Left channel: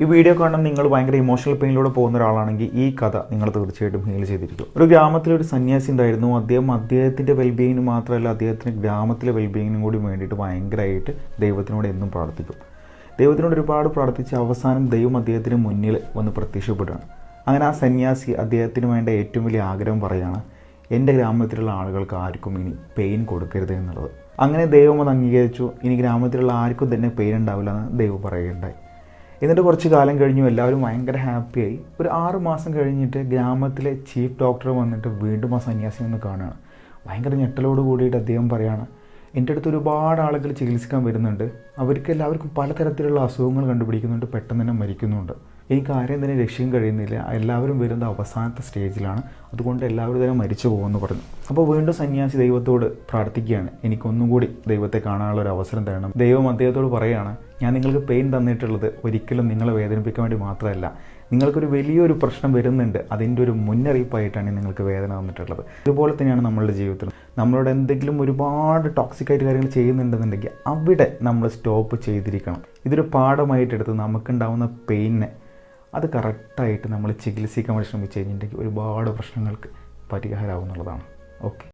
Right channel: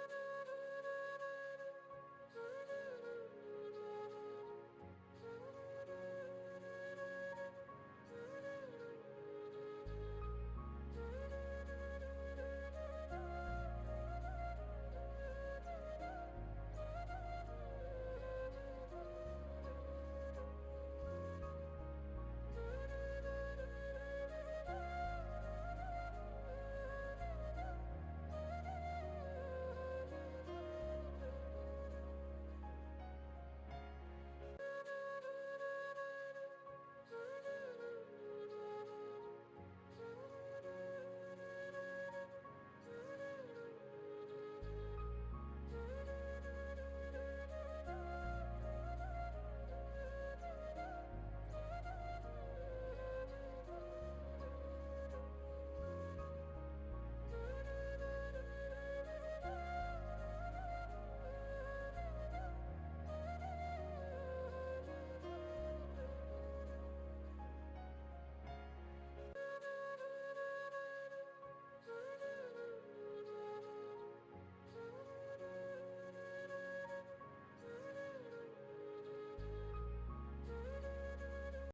ഈ വീഡിയോ കാണുന്ന നിങ്ങൾ ഭയങ്കര ഇമോഷണൽ പെയിനിലൂടെ പോകുന്ന ഒരാളാണെങ്കിൽ ഈ കഥ നിങ്ങൾ തീർച്ചയായിട്ടും ഹീൽ ചെയ്തിരിക്കും. ഒരു ഗ്രാമത്തിലൊരു സന്യാസി ഉണ്ടായിരുന്നു. അദ്ദേഹത്തിൻ്റെ വെൽബീയിങ്ങിന് മാത്രമല്ല, അദ്ദേഹത്തിന് ഗ്രാമത്തിലെ വെൽബീയിങ്ങിനും കൂടി വേണ്ടിയിട്ട് ഭയങ്കരമായിട്ട് ദൈവത്തിനോട് എന്നും പ്രാർത്ഥിക്കും. ദൈവത്തിനോട് ഒരുപാട് പ്രാർത്ഥിച്ച് അവസാനം ദൈവം അദ്ദേഹത്തിന് മുന്നിൽ വന്ന് പ്രത്യക്ഷപ്പെടുകയാണ്. അങ്ങനെ ആ സന്യാസി അദ്ദേഹത്തിന് വേണ്ട ഏറ്റവും വലിയ ആഗ്രഹം പറയുകയാണ്, എൻ്റെ ഗ്രാമത്തിലുള്ള ആളുകൾക്ക് ആർക്കും ഇനി പെയിൻ കൊടുക്കരുത് എന്നുള്ളത്. അങ്ങനെ ദൈവം അത് അംഗീകരിച്ചു. ഇനി ഗ്രാമത്തിലുള്ള ആർക്കും തന്നെ പെയിൻ ഉണ്ടാവില്ല എന്ന് ദൈവം പറയുകയുണ്ടായി. എന്നിട്ട് കുറച്ച് കാലം കഴിഞ്ഞു, എല്ലാവരും ഭയങ്കര ഹാപ്പിയായി. ഒരു 6 മാസം കഴിഞ്ഞിട്ട് ഗ്രാമത്തിലെ ചീഫ് ഡോക്ടർ വന്നിട്ട് വീണ്ടും ആ സന്യാസി ഒന്ന് കാണുകയാണ്. ഭയങ്കര ഞെട്ടലോട് കൂടിയിട്ട് അദ്ദേഹം പറയുകയാണ്, എൻ്റെ അടുത്ത് ഒരുപാട് ആളുകൾ ചികിത്സിക്കാൻ വരുന്നുണ്ട്. എല്ലാവർക്കും പലതരത്തിലുള്ള അസുഖങ്ങൾ കണ്ടുപിടിക്കുന്നുണ്ട്, പെട്ടെന്ന് തന്നെ മരിക്കുന്നുണ്ട്. എനിക്ക് ആരെയും തന്നെ രക്ഷിക്കാൻ കഴിയുന്നില്ല. എല്ലാവരും വരുന്ന അവസാനത്തെ സ്റ്റേജിലാണ്, അതുകൊണ്ട് എല്ലാവരും തന്നെ മരിച്ചു പോകുമെന്ന് പറഞ്ഞു. അപ്പോൾ വീണ്ടും സന്യാസി ദൈവത്തോട് പ്രാർത്ഥിക്കുകയാണ്, എനിക്കൊന്നും കൂടി ദൈവത്തെ കാണാനുള്ള ഒരു അവസരം തരണം. ദൈവം അദ്ദേഹത്തോട് പറയുകയാണ്, ഞാൻ നിങ്ങൾക്ക് പെയിൻ തന്നിട്ടുള്ളത് ഒരിക്കലും നിങ്ങളെ വേദനിപ്പിക്കാൻ വേണ്ടി മാത്രമല്ല, നിങ്ങൾക്കൊരു വലിയൊരു പ്രശ്നം വരുന്നുണ്ട്, അതിൻ്റെ ഒരു മുന്നറിയിപ്പായിട്ടാണ് നിങ്ങൾക്ക് വേദന തന്നിട്ടുള്ളത്. ഇതുപോലെ തന്നെയാണ് നമ്മളുടെ ജീവിതത്തിൽ നമ്മളോട് എന്തെങ്കിലും ഒരുപാട് ടോക്സിക്കായിട്ട് കാര്യങ്ങൾ ചെയ്യുന്നുണ്ടെന്നുണ്ടെങ്കിൽ അവിടെ നമ്മൾ സ്റ്റോപ്പ് ചെയ്തിരിക്കണം. ഇതൊരു പാഠമായിട്ടെടുത്ത് നമുക്കുണ്ടാവുന്ന പെയിനെ അത് കറക്റ്റായിട്ട് നമ്മൾ ചികിത്സിക്കാൻ വേണ്ടി ശ്രമിച്ചു കഴിഞ്ഞിട്ടുണ്ടെങ്കിൽ ഒരുപാട് പ്രശ്നങ്ങൾക്ക് പരിഹാരമാവുന്നുള്ളതാണ്. ഓക്കെ.